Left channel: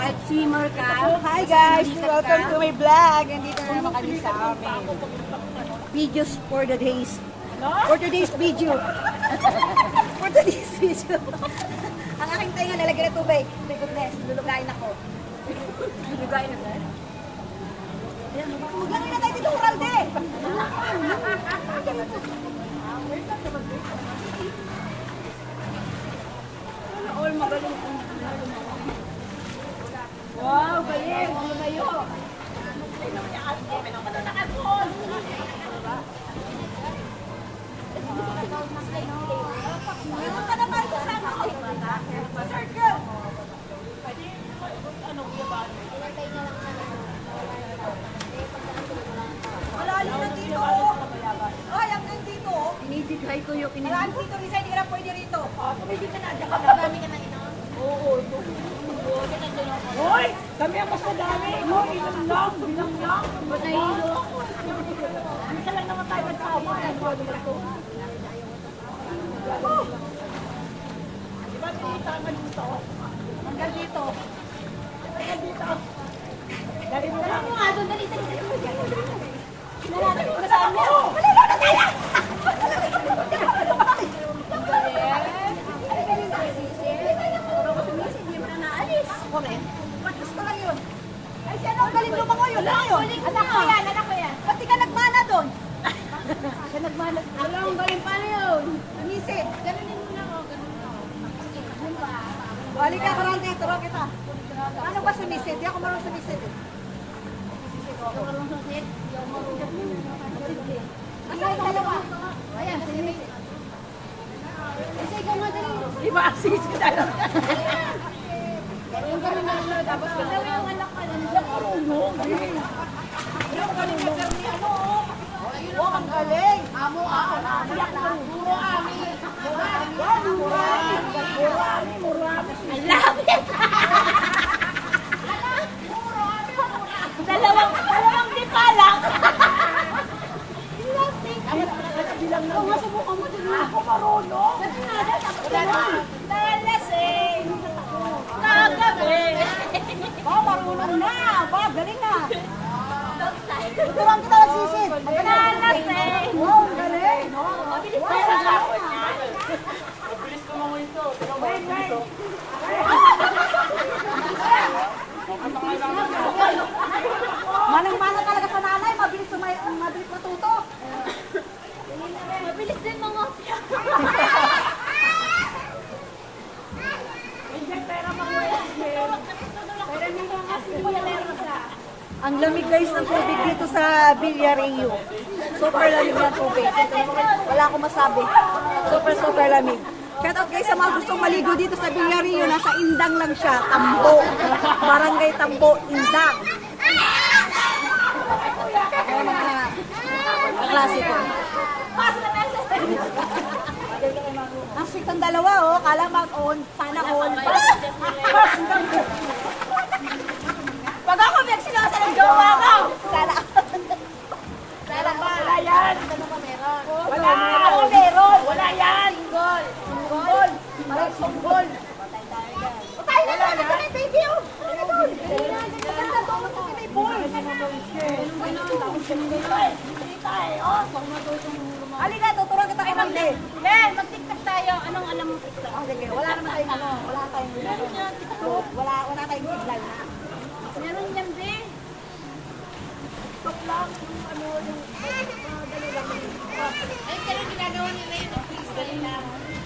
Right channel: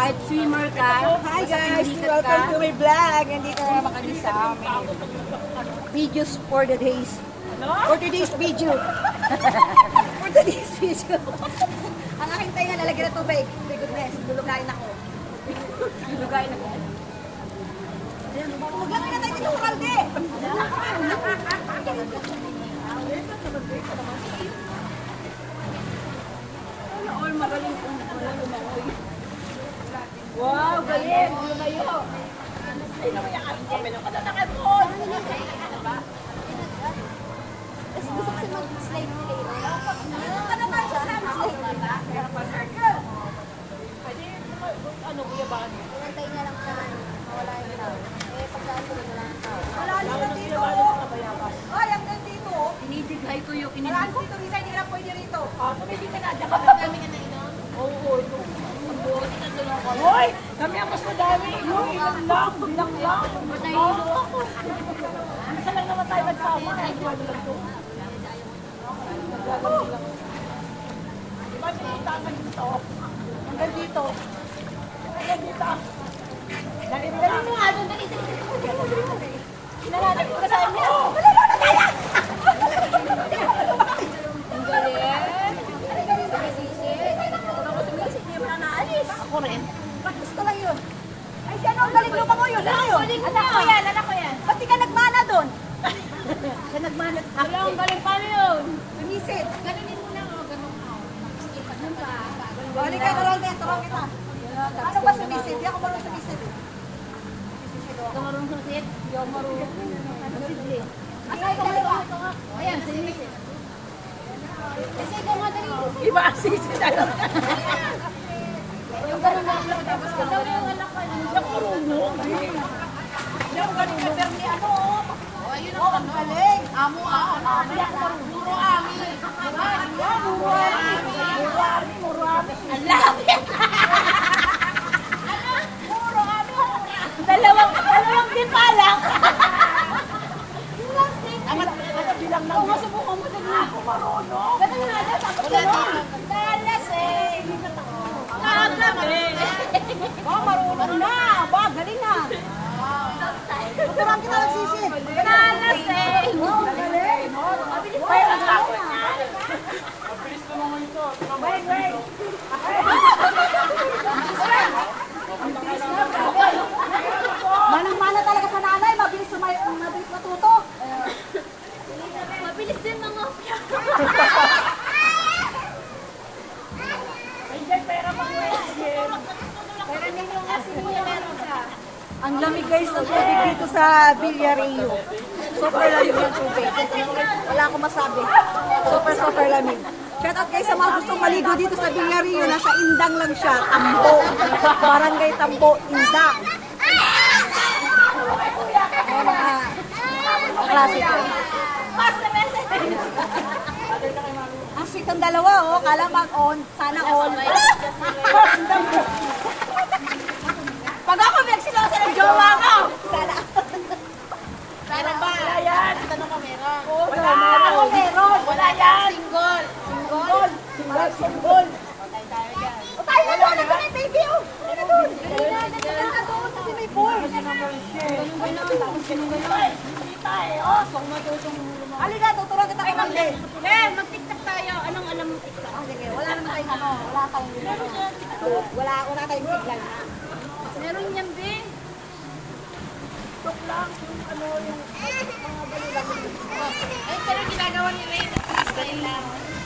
Kahit swimmer ka. Hi guys! Welcome to my vlog. Nandito na naman kami sa amin. Videos for the days. For today's video. For today's video. Ang aking tayo nga nalagyan na tubig. My goodness, lulugayin ako. Lulugayin ako. Maglagay na tayo dito, Uralde! All magaling kung lumakoy. Wow, galing! Lumayo! Pinamayakan ko, pinapalalakan mo! Dito pa naman sa Sunday. Circle! Pwede, ano ba ba? Pinatay nga lang sa malalim na dito. Ay, ang dito. Inidibay ko yung Malalim dito, Risa, hindi ka lang pwede rito. Pwede ka na. Marami ka na inom? Oo. Hoy! Kami ang mas madami. Bilang lang. Isa lang naman tayo nagsama. Diba nakita ka dito? Hanggang dito. Hanggang dito. Dali mo lang. Dali. Nalalaki ko sa amin. Ako rin. Ba't gusto lang yun? Ay, siya na ang galing mo mga yun. Anak ko yan. Ba't di ka nagmana doon? Siya nagmana. Wala ang galing pala yun. Sumisid. Ganunin mo na ako. Ganun ako. Yun ba? Balik ka ko lang dito. Turuan kita. Ano ba sumisid? Di ako marunong sumisid. Ito marunong susit? Hindi ako marunong. Sige. Asan yung dalawa? Ayan, sige. Kasi ikaw nga dali. Iba, sumisid dalawa. Yung ganun na lang. Tapos galaw yung anak ka. Hindi ako marunong. Hindi ako galing ka, pero ni ano, oh, ang galing. Amo. Puro ami. Puro ami. Ang lapit. Dalawang di pa lang. Bilang lang. Masubukan mo din ako marunong. Ganun nga na. Tapos gano'n. Talas eh. Nakagaling. Ba, marunong na. Ba, galing ha. Tuturuan kita magsisid. Talas eh. Wow, ang galing. Wow, ang galing ha. Manang-mana talaga sa nanay. Mabilis matuto. Mabilis din mga opya. Ang lamig guys ng tubig dito sa Villario. Super lamig ng tubig. Wala akong masabi. Super lamig. Shout out guys sa mga gustong maligo dito sa Villario. Nasa Indang lang siya. Tambo. Barangay Tambo, Indang. Ayan mga klase ko. Ang sweet ang dalawa oh. Kala mag-on. Sana on. Pag ako nagsilosa ng jowa ko. Sana ba? Wala yan. Tanong ko meron. Wala. Ako meron. Wala yan. Single. Single. O tayo na doon. Ito na yung baby oh. Tayo na doon. Tulog kasi may boy. Halika, tuturuan kita kay Ma'am Len. Len, mag-tiktok tayo. Anong alam mo tiktok? Sige, wala naman tayong ano. Wala tayong signal na. Meron yan, be. Stop lang. Yung ano, yung mga dali lang. Ayun, pero ginagawa nila yun. Style lang.